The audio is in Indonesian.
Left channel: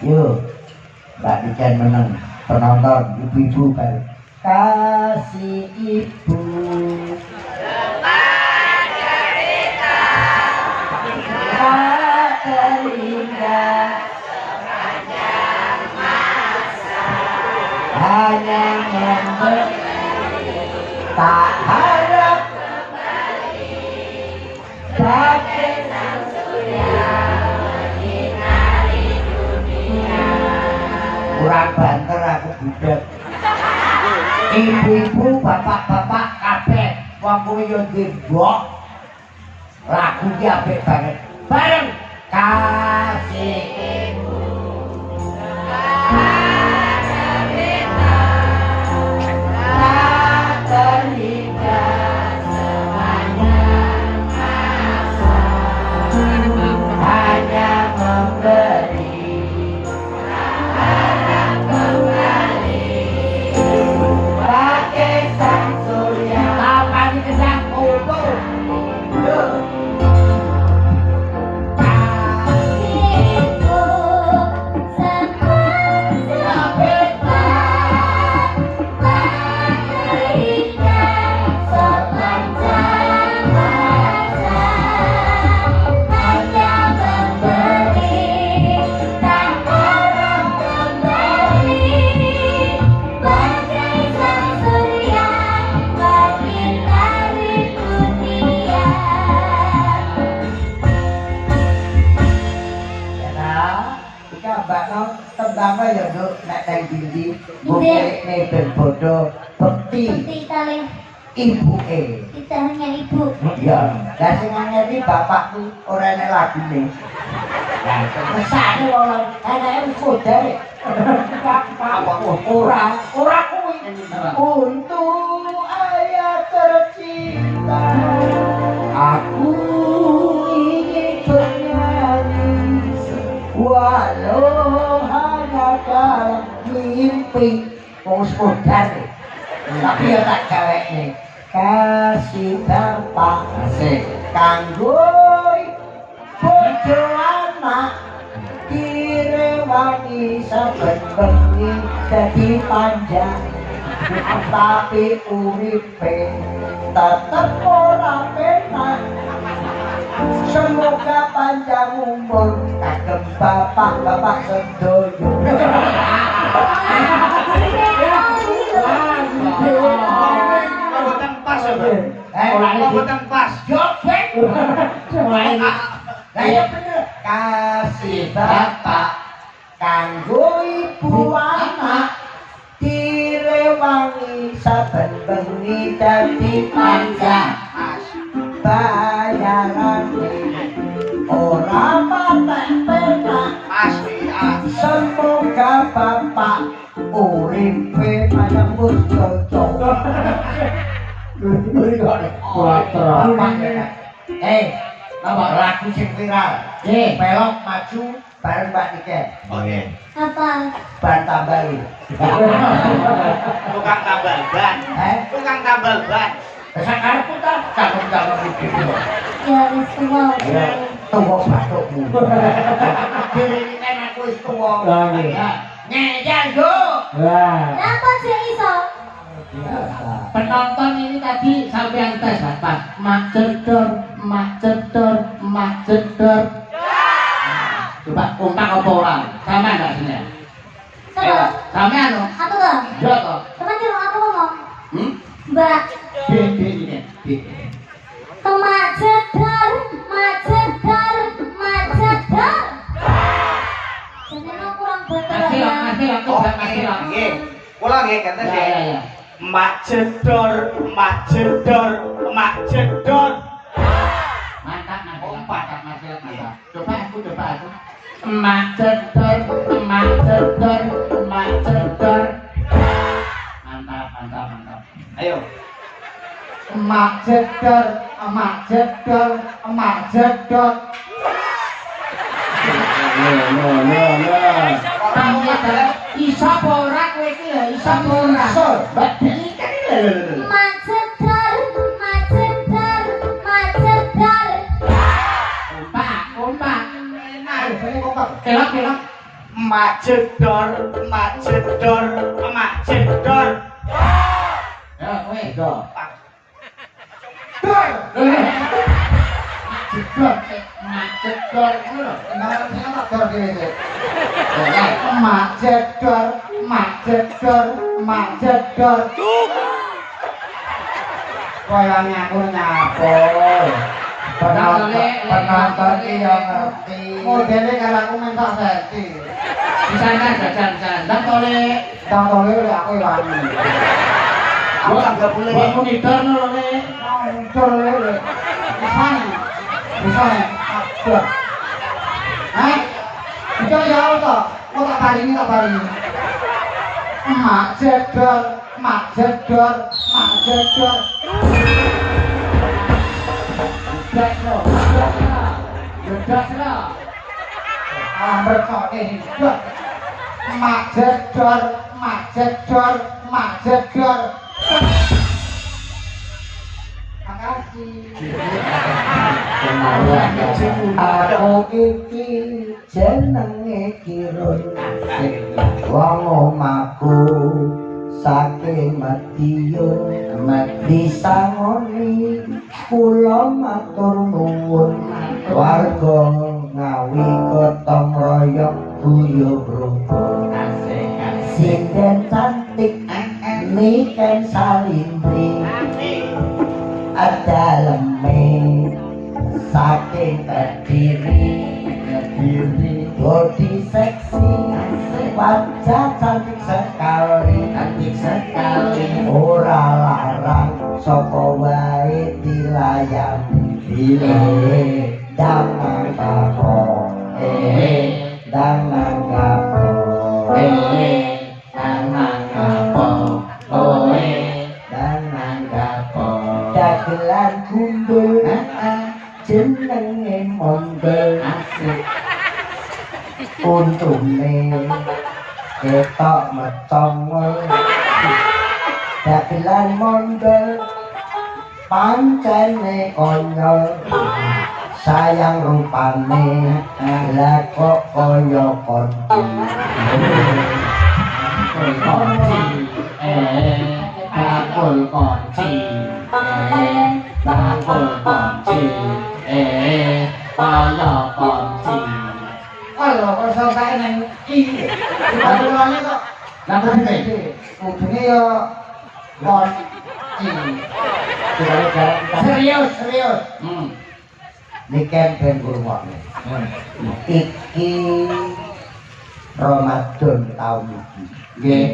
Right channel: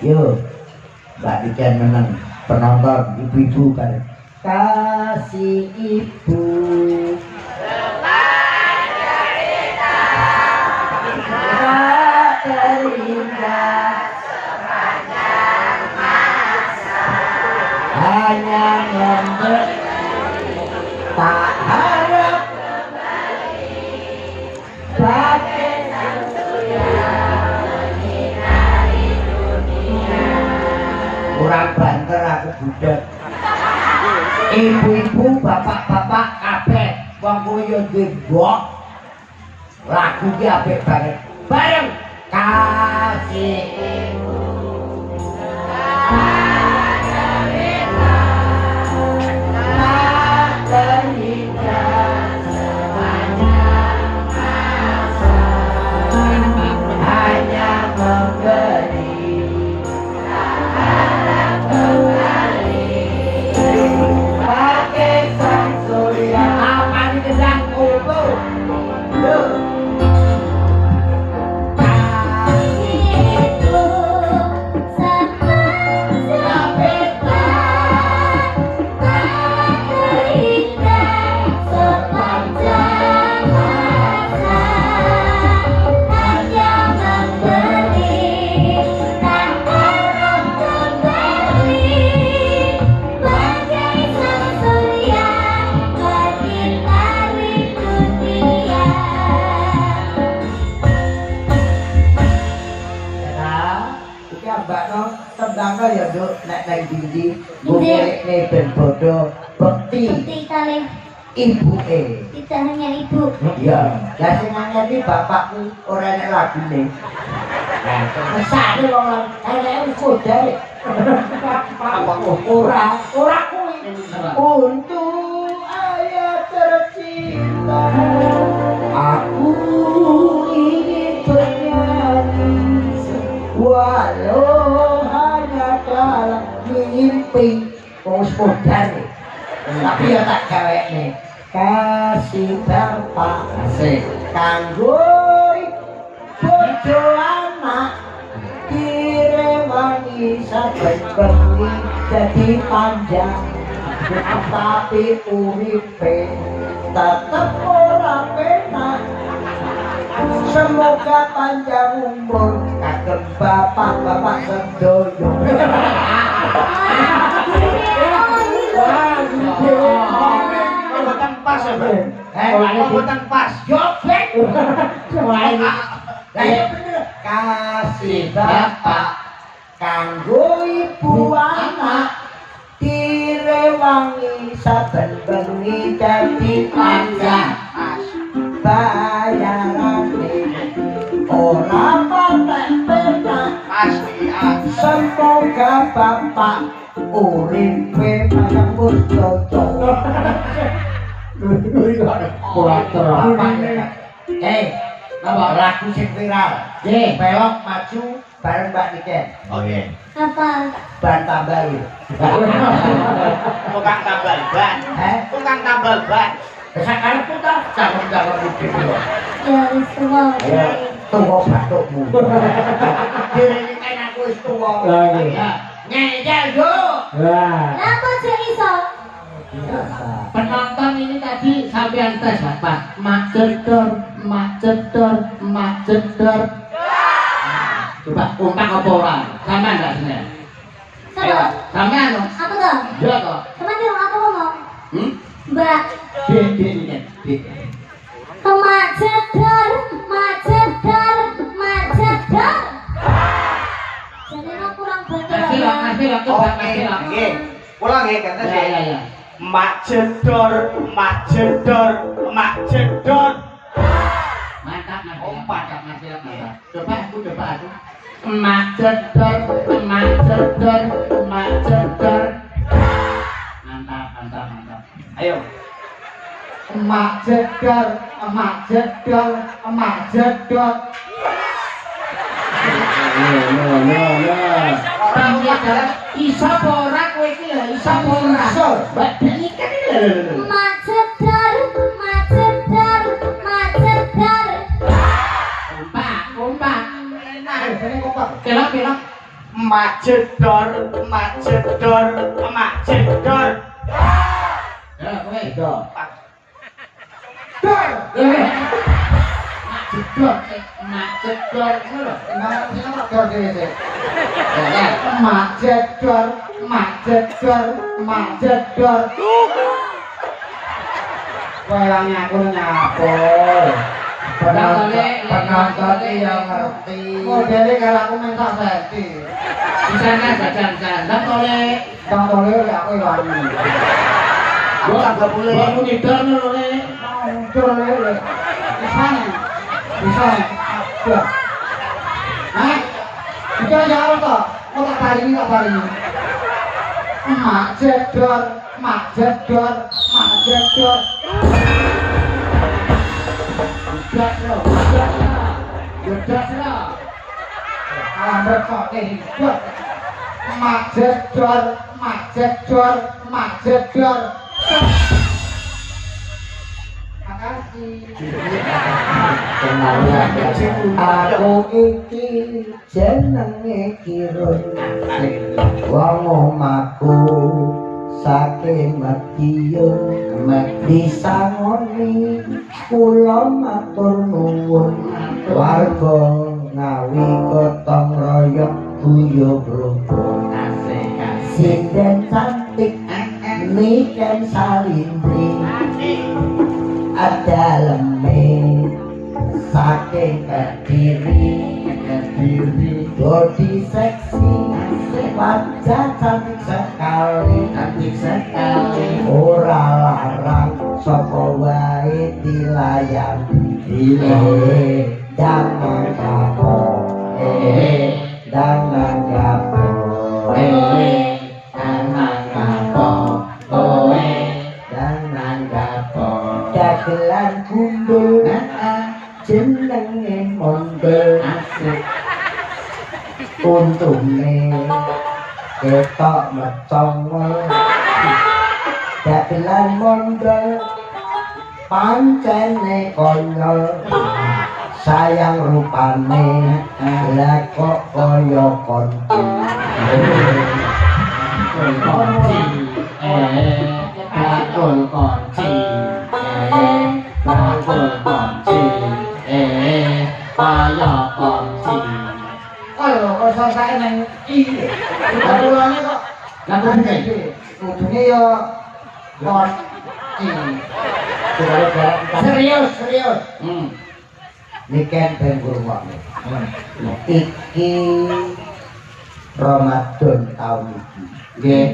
Yo, Mbak Diken menang penonton ibu-ibu bareng. Kasih ibu. Tak terindah sepanjang masa. Hanya memberi, tak harap kembali. Bagai sang surya menyinari dunia. Kurang banter aku budak. Ibu-ibu, bapak-bapak kabeh wong kuwi yo ndembok. Lagu ki apik banget. Bareng kasih ibu. Tak terindah sepanjang masa. Hanya memberi, harap kembali. Pakai sang surya. Apa ini kedang utuh? Tembangnya ya duk, nek nang dindi bukene ben bodo bekti kali ibuke. kita hanya ibu. Iya, lah sing nyanyi bapakku ora enek lagune. Lah kesane wong enake wis kodhe. Apa ora kuwi. Untuk ayah tercinta aku ingin bernyanyi walau hanya mimpi kodhe. Tapi ya tak gawekne. Kasih bapak asik kanggo bojo anak direwangi saben bengi dadi panjang tapi uripe tetep ora penak. Semoga panjang umur kagem bapak-bapak sedoyo. Pas ya, Bang? Pas. Jobek. Kasih bapak kanggo ibu anak direwangi saben bengi dadi panjang. Bayarane ora patek penak. Semoga bapak uripe panjang umur cocok. Nama lagu sing viral. Belok maju bareng Mbak Niken. Oke. Apa? Ban tambal. Tukang tambal ban. Tukang tambal ban. Sekarang putar cangkem-cangkem itu. Ya wis tuwa. Ya, tuwa batukmu. Dhewe kan aku wis tuwa. Lah ngeyel yo. Napa sih iso? Penonton ini tadi sampai tes apa? Mak jedor. Coba kompak apa orang? Sama enggak sini? Sama. Sama anu? Aku toh. Yo toh. Sama dulu aku ngomong. Mbak. Ini. Mak jedor. Jadi lo kurang betul. Kasih waktu. Nggih. Kula nggih kata Ya. sih. Mak jedor. Mantap. Ompat. Coba aku. Mak jedor. Mantap. Ayo. Emak jedor. Isa ora kowe iki ya, isa ora. Mbak Deni kan iki. Mak jedor. Kompak. Nah, ini kompak. Kelok. mak jedor, mak jedor, mak jedor. Ya, kowe. Itu. Dor. Jedor, mak jedor ngono lho. Nang sing tak dor dhewe. Ya, mak jedor, mak jedor, mak jedor. Koyangnya aku nyapol. Penonton yang ngerti. Modele karo aku minta senti. Bisanya jajan-jajan. Dan oleh Tole aku ilani. aku tak boleh. Gua monitor lho, Tole. Bisa. Ada. Hah? Itu jauh toh. Kok tak baringi. Mak jedor, mak jedor, mak jedor. Gedas lo. Mereka hidup. Mak jedor, mak jedor, mak jedor. Makasih. Aku iki jenenge Kirun. Wong omahku saking Madiun disangoni kula matur nuwun warga Ngawi gotong royong guyub rukun sinden cantik niken salindri ada leme saking kediri body seksi wajah cantik sekali ora larang sapa wae dilayani dangan kapo dangan kapo dangan kapo dagelan kumpul jenenge mondel untune ketok metong dagelan mondel pancene konyol sayang rupane lah kok kaya konci Ayo, kok selesai nang iki. Ulane kok Lampu gede. kudune yo konci. Serius. niken ben kurmane iki Ramadan tahun iki nggih